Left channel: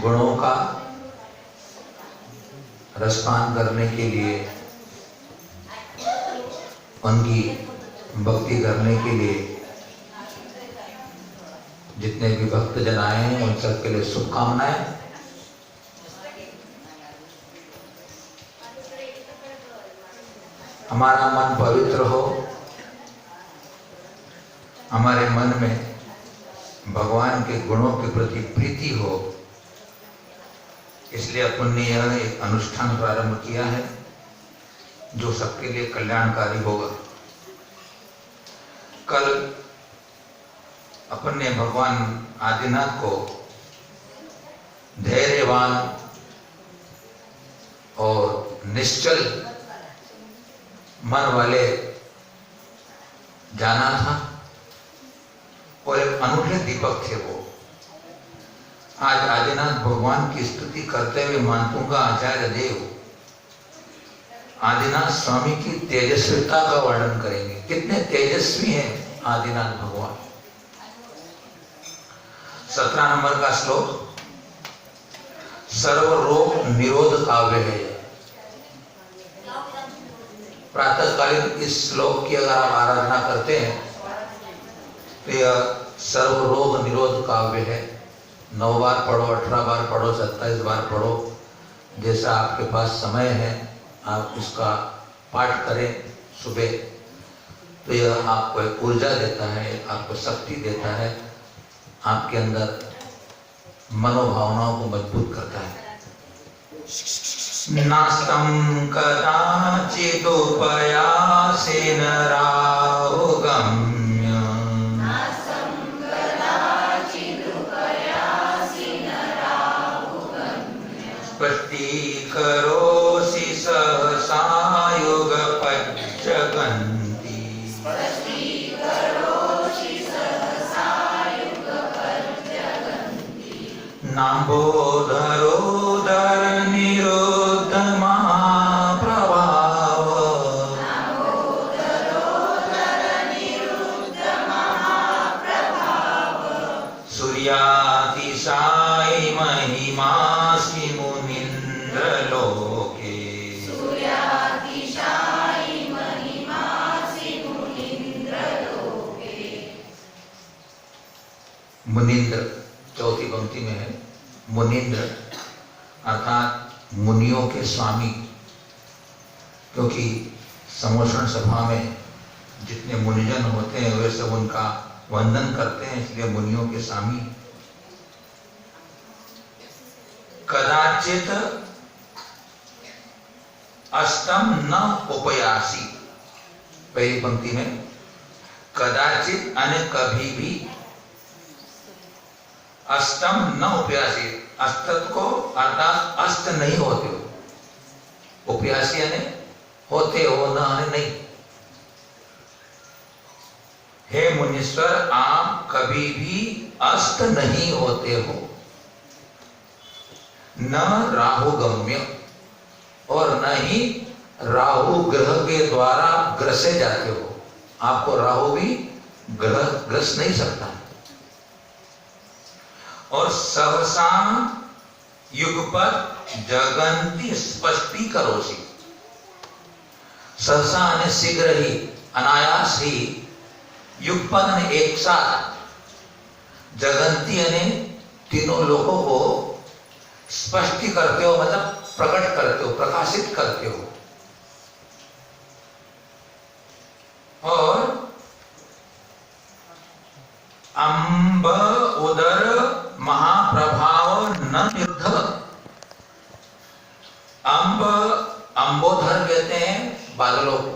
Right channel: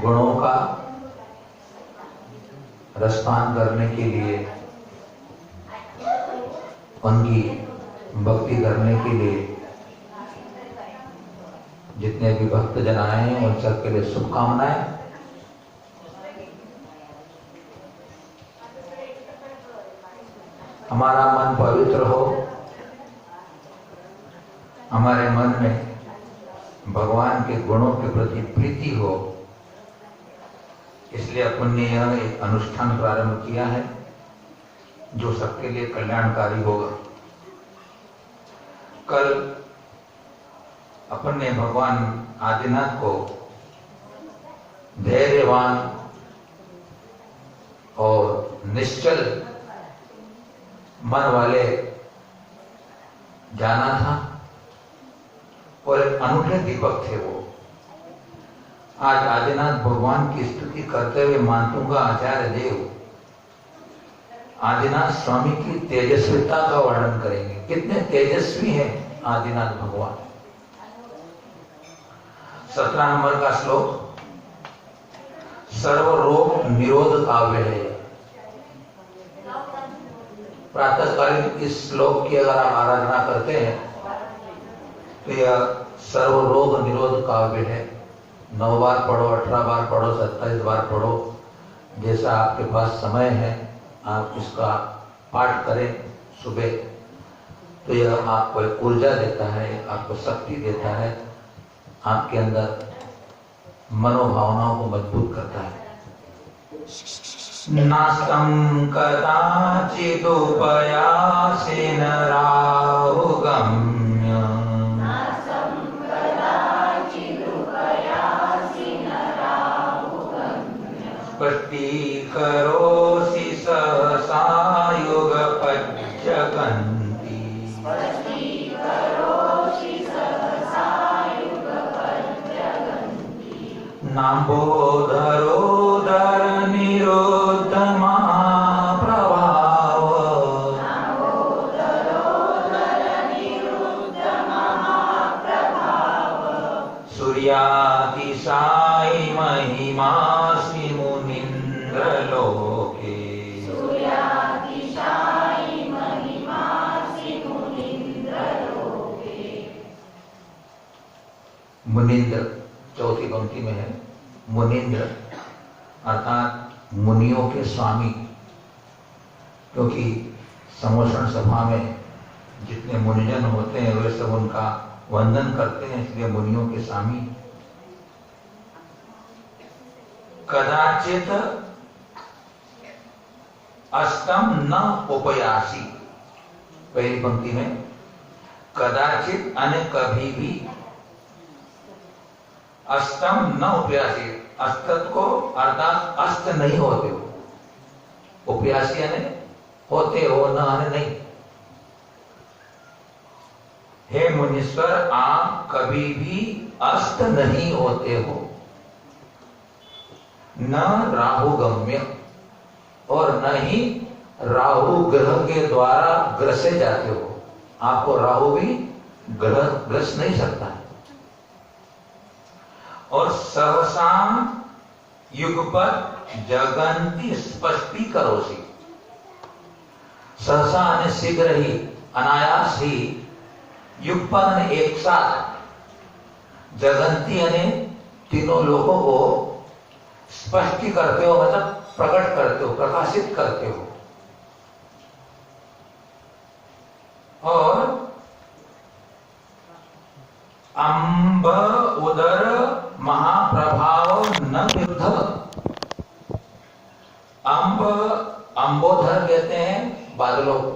गुणों का रसपान करने के लिए, उनकी भक्ति करने के लिए जितने भी भक्तजन आए हैं उन सबके लिए शुभकामनाएं। हमारा मन पवित्र हो, हमारे मन में भगवान के गुणों के प्रति प्रीति हो, इसलिए अपन ने यह एक अनुष्ठान प्रारंभ किया है जो सबके लिए कल्याणकारी होगा। कल अपन ने भगवान आदिनाथ को धैर्यवान और निश्चल मन वाले जाना था और एक अनूठे दीपक थे वो। आज आदिनाथ भगवान की स्तुति करते हुए मानतूंगा आचार्य देव आदिनाथ स्वामी की तेजस्विता का वर्णन करेंगे। कितने तेजस्वी हैं आदिनाथ भगवान। 17 नंबर का श्लोक सर्व रोग निरोध काव्य है। प्रातःकालीन इस श्लोक की अगर आप आराधना करते हैं तो यह सर्व रोग निरोध काव्य है। 9 बार पढ़ो, 18 बार पढ़ो, 27 बार पढ़ो, जैसा आपके पास समय है आप उसका पाठ करें सुबह, तो यह आपको एक ऊर्जा देता है, आपको शक्ति देता है, आपके अंदर मनोभावनाओं को मजबूत करता है। नास्तं कदाचिदुपयासेन राहुगम्य स्पष्टीकरोषि सहसा युगपज्जगन्ति नाम्बोधरोदर निरोध महाप्रभाव सूर्यातिशायि महिमासि मुनीन्द्र लोके मुनीन्द्र चौथी पंक्ति में है। मुनीन्द्र अर्थात मुनियों के स्वामी, क्योंकि समोषण सभा में जितने मुनिजन होते हैं वे सब उनका वंदन करते हैं, इसलिए मुनियों के स्वामी। कदाचित अष्टम न उपयासी, पहली पंक्ति में कदाचित अने कभी भी, अष्टम न उपयासी, अष्टत को अर्थात अष्ट नहीं होते हो, उपयासी यानी होते हो न नहीं। हे मुनीश्वर आप कभी भी अष्ट नहीं होते हो। न राहुगम्य, और न ही राहु ग्रह के द्वारा ग्रसे जाते हो। आपको राहु भी ग्रह ग्रस नहीं सकता है। और सहसा युगपत जगंती स्पष्टी करोसी, सहसा ने शीघ्र ही, अनायास ही, युगपत ने एक साथ, जगंती ने तीनों लोगों को स्पष्टी करते हो, मतलब प्रकट करते हो, प्रकाशित करते हो। और अम्ब उदर महाप्रभाव न विरुद्ध, अम्ब अम्बोधर कहते हैं बादलों को,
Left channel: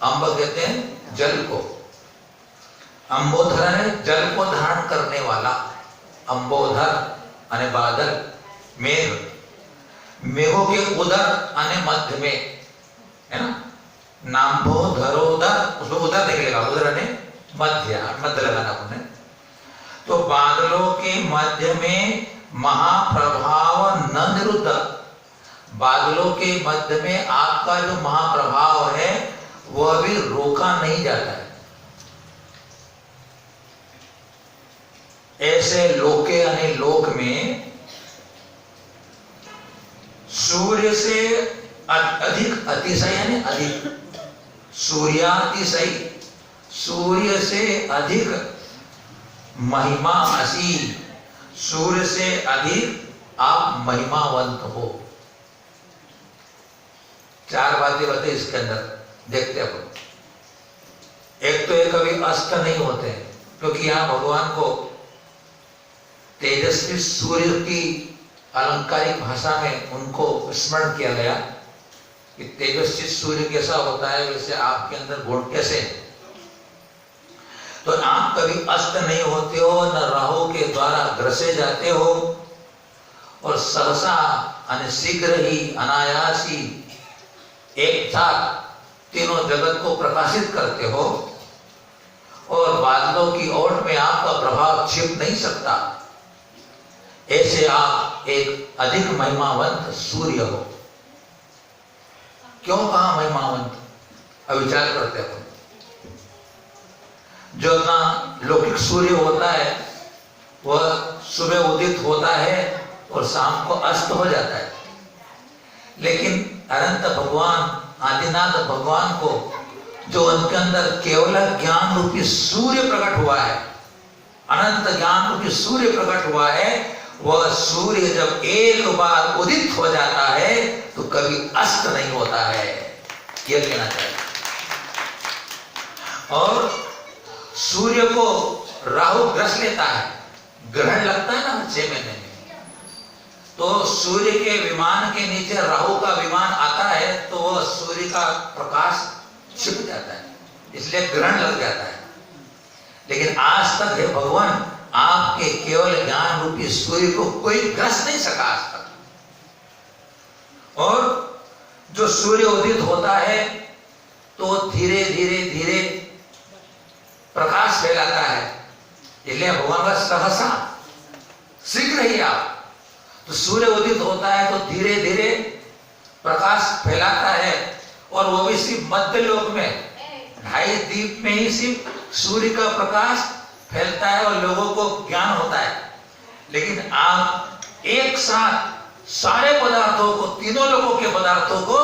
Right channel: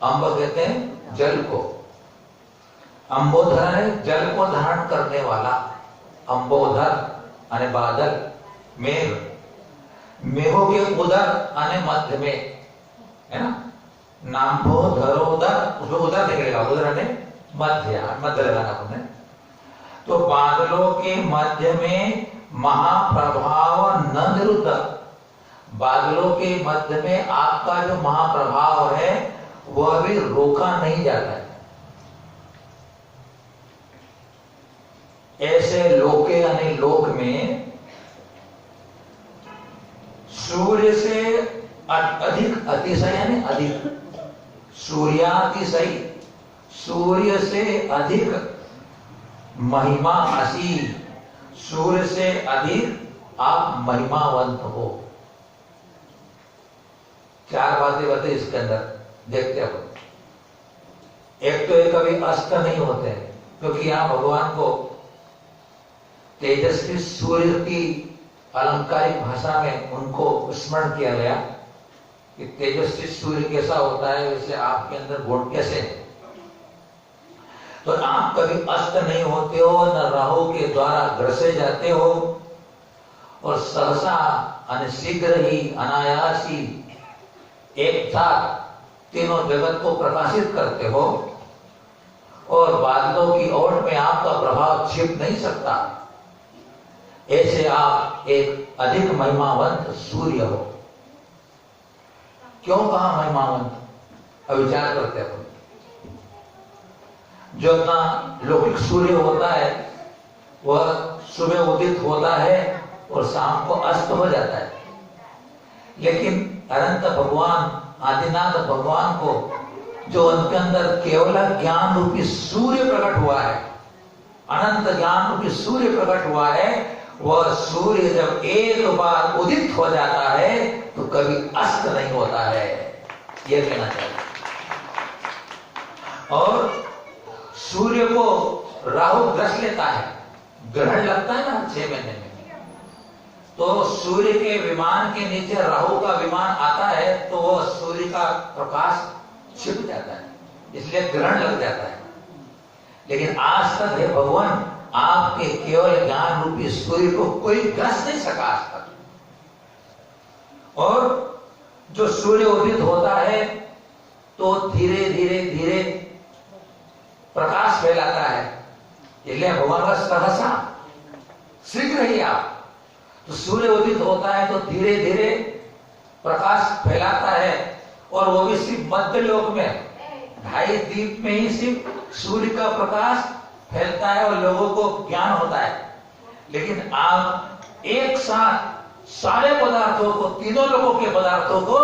अम्ब कहते हैं जल को। अम्बोधर है जल को धारण करने वाला, अम्बोधर अने बादल, मेघ, मेघों के उदर अने मध्य में, है ना, नाम्बोधरोदर, उसमें उदर निकलेगा, उदर अने मध्य, मध्य लगाना आपने। तो बादलों के मध्य में महाप्रभाव न निरुद्ध, बादलों के मध्य में आपका जो महाप्रभाव है वह भी रोका नहीं जाता है। ऐसे लोके यानी लोक में सूर्य से अधिक, अतिशय यानी अधिक, सूर्यातिशय, सूर्य से अधिक महिमा असी, सूर्य से अधिक आप महिमावंत हो। चार बातें बताई इसके अंदर, देखते हैं। एक तो ये कभी अस्त नहीं होते, क्योंकि यहां भगवान को तेजस्वी सूर्य की अलंकारिक भाषा में उनको स्मरण किया गया कि तेजस्वी सूर्य कैसा होता है वैसे आपके अंदर गुण कैसे है। तो आप कभी अस्त नहीं होते हो, न राहु के द्वारा ग्रसे जाते हो, और सहसा यानी शीघ्र ही, अनायास ही एक साथ तीनों जगत को प्रकाशित करते हो, और बादलों की ओट में आपका प्रभाव छिप नहीं सकता। ऐसे आप एक अधिक महिमावंत सूर्य हो। क्यों कहा महिमावंत? अब विचार करते हो। जो अपना लौकिक सूर्य होता है वह सुबह उदित होता है और शाम को अस्त हो जाता है, लेकिन अनंत भगवान, आदिनाथ भगवान को जो उनके अंदर केवल ज्ञान रूपी सूर्य प्रकट हुआ है, अनंत ज्ञान रूपी सूर्य प्रकट हुआ है, वह सूर्य जब एक बार उदित हो जाता है तो कभी अस्त नहीं होता है, यह कहना चाहिए। और सूर्य को राहु ग्रस लेता है, ग्रहण लगता है ना 6 महीने में, तो सूर्य के विमान के नीचे राहु का विमान आता है तो वह सूर्य का प्रकाश छिप जाता है, इसलिए ग्रहण लग जाता है। लेकिन आज तक हे भगवान, आपके केवल ज्ञान रूपी सूर्य को कोई ग्रस नहीं सका आज तक। और जो सूर्य उदित होता है तो धीरे धीरे धीरे प्रकाश फैलाता है, इसलिए भगवान का सहसा, शीघ्र ही आप, तो सूर्य उदित होता है तो धीरे धीरे प्रकाश फैलाता है, और वो भी सिर्फ मध्य लोक में 2.5 दीप में ही सिर्फ सूर्य का प्रकाश फैलता है और लोगों को ज्ञान होता है। लेकिन आप एक साथ सारे पदार्थों को, तीनों लोगों के पदार्थों को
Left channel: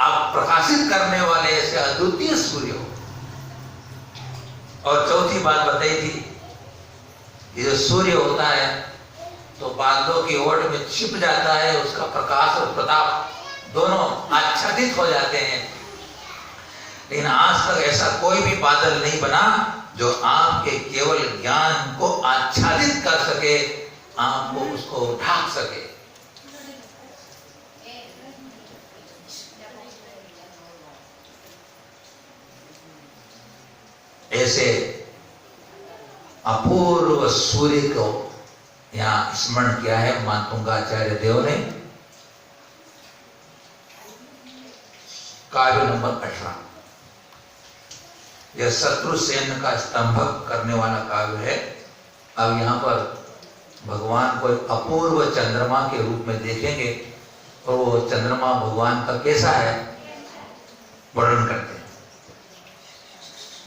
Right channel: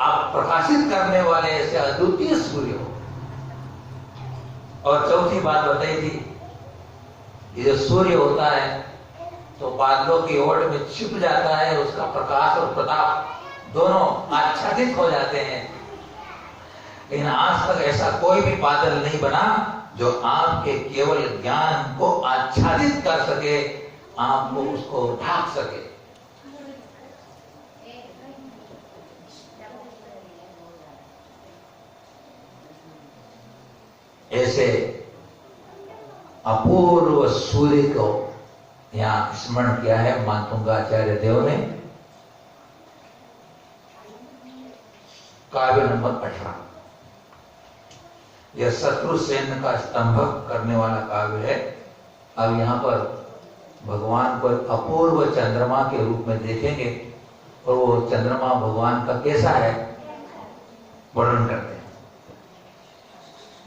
आप प्रकाशित करने वाले ऐसे अद्वितीय सूर्य हो। और चौथी बात बताई थी, ये जो सूर्य होता है तो बादलों की ओट में छिप जाता है, उसका प्रकाश और प्रताप दोनों आच्छादित हो जाते हैं। लेकिन आज तक ऐसा कोई भी बादल नहीं बना जो आपके केवल ज्ञान को आच्छादित कर सके, आपको उसको ढाक सके। ऐसे अपूर्व सूर्य को यहां स्मरण किया है मातुंगाचार्य देव ने। काव्य नंबर 18, यह शत्रुसेन का स्तंभक करने वाला काव्य है। अब यहाँ पर भगवान को अपूर्व चंद्रमा के रूप में देखेंगे, और वो चंद्रमा भगवान का कैसा है वर्णन करते हैं।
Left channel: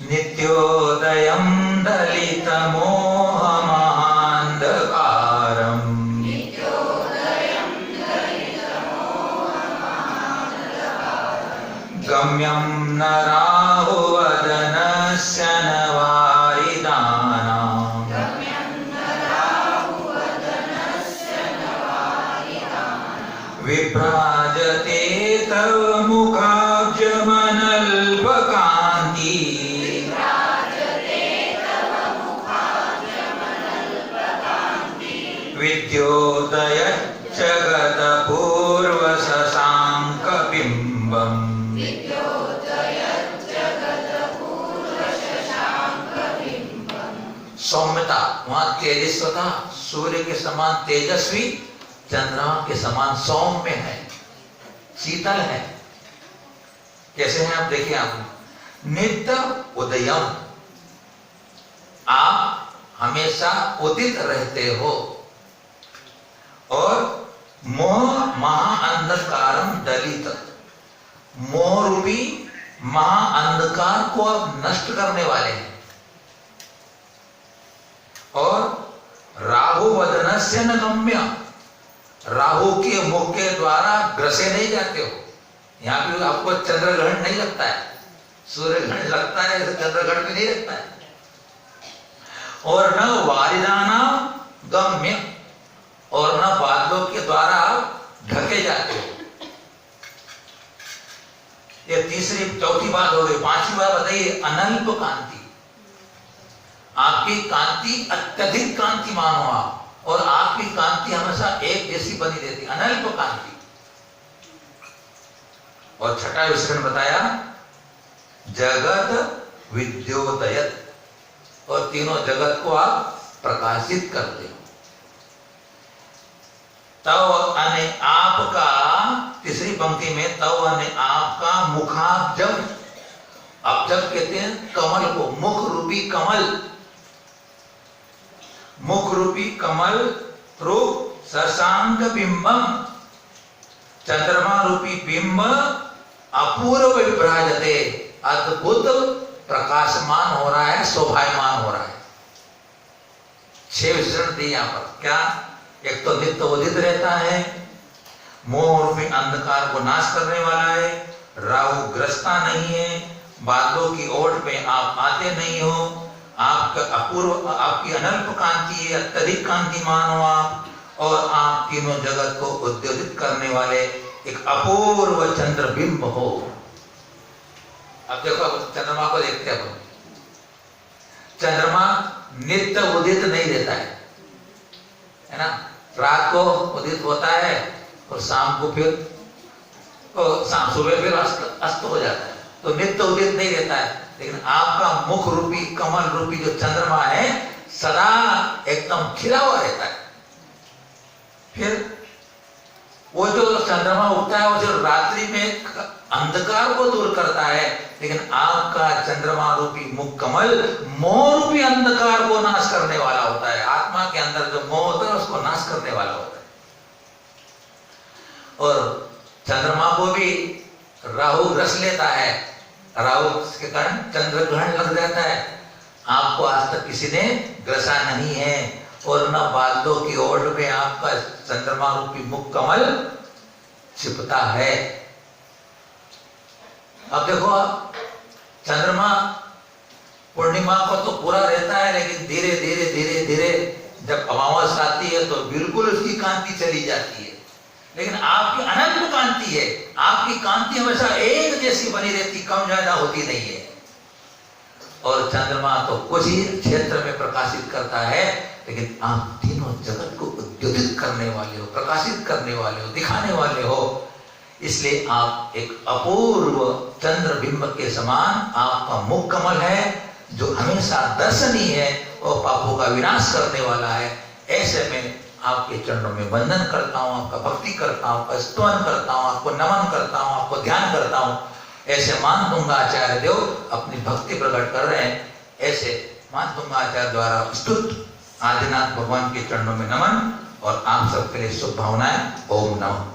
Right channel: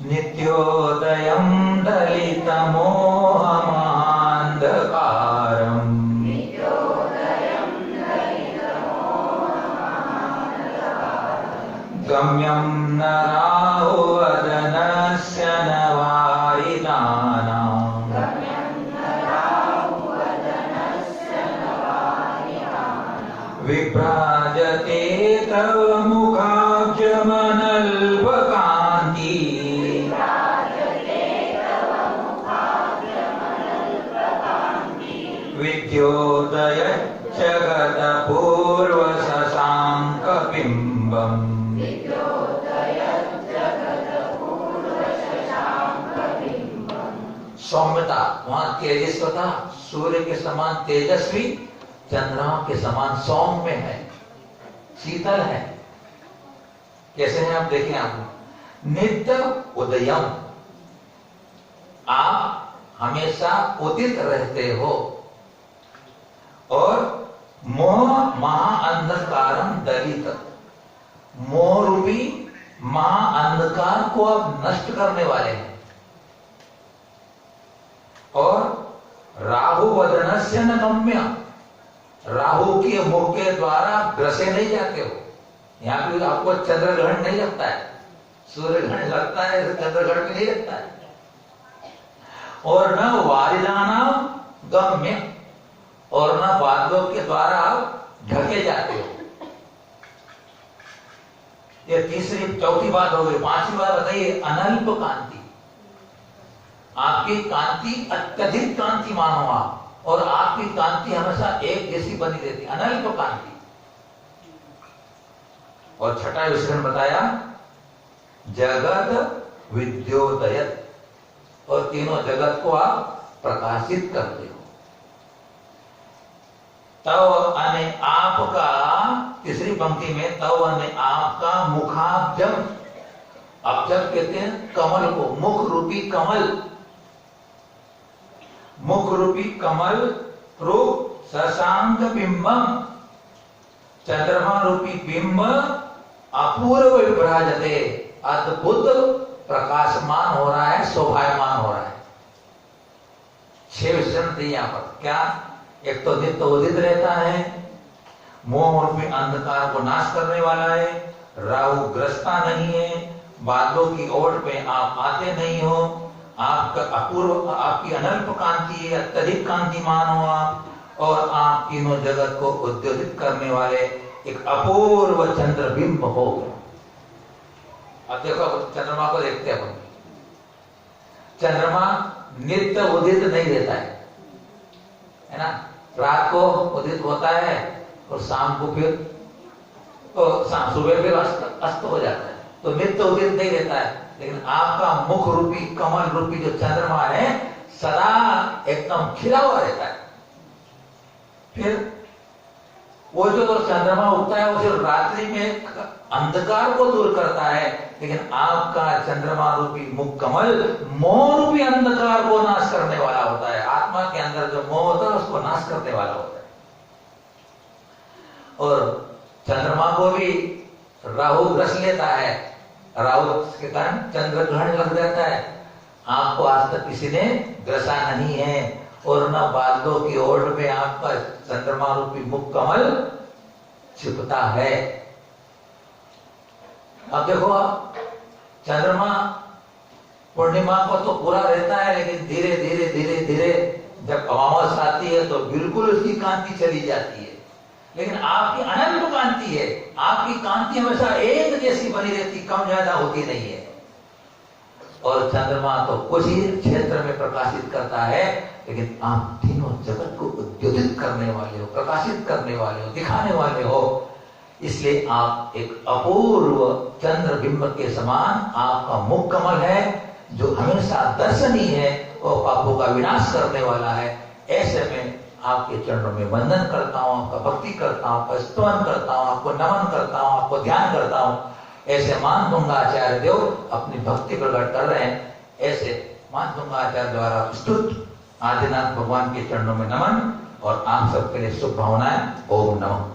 नित्योदयं दलितमोहमान्धकारम् गम्यं न राहुवदनस्य न वारिदानाम् विभ्राजते तव मुखाब्जमनल्पकान्ति विद्योदय जगतपूर्व शशाङ्कबिम्बम्। सौम्यता, वहां तेजस्वता, सूर्य के समान तेजस्वी, चंद्रमा के समान सौम्य है, शीतल है। कैसे हैं आप? देखिए, आप नित्य उदयम, आप हमेशा उदित रहते हो, और मोह महाअंधकारम दलित, मोह रूपी महाअंधकार को आप नष्ट करने वाले हैं। और राहु वदनस्य न गम्य, राहु के मुख के द्वारा ग्रसे नहीं जाते हो। यहाँ भी आपको चंद्र ग्रहण नहीं लगता है, सूर्य ग्रहण लगता है, चंद्र ग्रहण भी नहीं लगता है। और न वारिदानाम गम्य, और न बादलों के द्वारा ढके जाते हो। ये तीसरी चौथी बात हो गई। पांचवी बात बताइए, अनल्प कांति। आपकी कांति अत्यधिक कांतिमान हो आप, और आपकी कांति हमेशा एक जैसी बनी रहती, अनल्प कांति। और छठा विषय बताया जगत विद्योदयत, और तीनों जगत को आप प्रकाशित करते हो। तव अने आपका, तीसरी पंक्ति में तव अने आपका मुखाब्जम, अब्जम कहते हैं कमल को, मुख रूपी कमल, मुख रूपी कमल रूप शशांक बिंबम, चंद्रमा रूपी बिंब अपूर्व विभ्राजते, अद्भुत प्रकाशमान हो रहा है, शोभायमान हो रहा है। 6 विशेषण दिए यहाँ पर। क्या? एक तो नित्य उदित रहता है, मोह रूपी अंधकार को नाश करने वाला है, राहु ग्रस्ता नहीं है, बादलों की ओट में आप आते नहीं हो, आपका अपूर्व, आपकी अनल्प कांति है, अत्यधिक कांतिमान हो आप, और आप तीनों जगत को उद्योजित करने वाले एक अपूर्व चंद्रबिंब हो। अब देखो, चंद्रमा को देखते हैं अपन। चंद्रमा नित्य उदित नहीं रहता है ना? रात को उदित होता है और शाम को फिर, सुबह फिर अस्त हो जाता है, तो नित्य उदित नहीं रहता है। लेकिन आपका मुख रूपी कमल रूपी जो चंद्रमा है सदा एकदम खिला हुआ रहता है। फिर वो जो चंद्रमा उगता है वो जो रात्रि में अंधकार को दूर करता है, लेकिन आपका चंद्रमा रूपी मुख कमल मोह रूपी अंधकार को नाश करने वाला होता है। आत्मा के अंदर जो मोह होता है उसको नाश करने वाला होता है। और चंद्रमा को भी राहु ग्रस लेता है, राहु के कारण चंद्र ग्रहण लग जाता है। आपको आज तक किसी ने ग्रसा नहीं है, और न बादलों की ओट में आपका चंद्रमा रूपी मुख कमल छिपता है। अब देखो, चंद्रमा पूर्णिमा को तो पूरा रहता है, लेकिन धीरे धीरे धीरे धीरे जब अमावस आती है तो बिल्कुल उसकी कांति चली जाती है। लेकिन आपकी अनंत कांति है, आपकी कांति हमेशा एक जैसी बनी रहती, कम ज्यादा होती नहीं है। और चंद्रमा तो कुछ ही क्षेत्र में प्रकाशित करता है, लेकिन आप तीनों जगत को उद्योजित करने वाले हो, प्रकाशित करने वाले हो, दिखाने वाले हो। इसलिए आप एक अपूर्व चंद्र बिंब के समान आपका मुख कमल है, जो हमेशा दर्शनीय है और पापों का विनाश करने वाला है। ऐसे में आपके चरणों में वंदन करता हूँ, आपका भक्ति करता हूँ, आपका स्तवन करता हूँ, आपको नमन करता हूँ, आपको ध्यान करता हूँ। ऐसे मान दूंगा आचार्य देव अपनी भक्ति प्रकट कर रहे हैं। ऐसे मान दूंगा आचार्य द्वारा स्तुत आदिनाथ भगवान के चरणों में नमन, और आप सबके लिए शुभ भावनाएं। ओम नमः।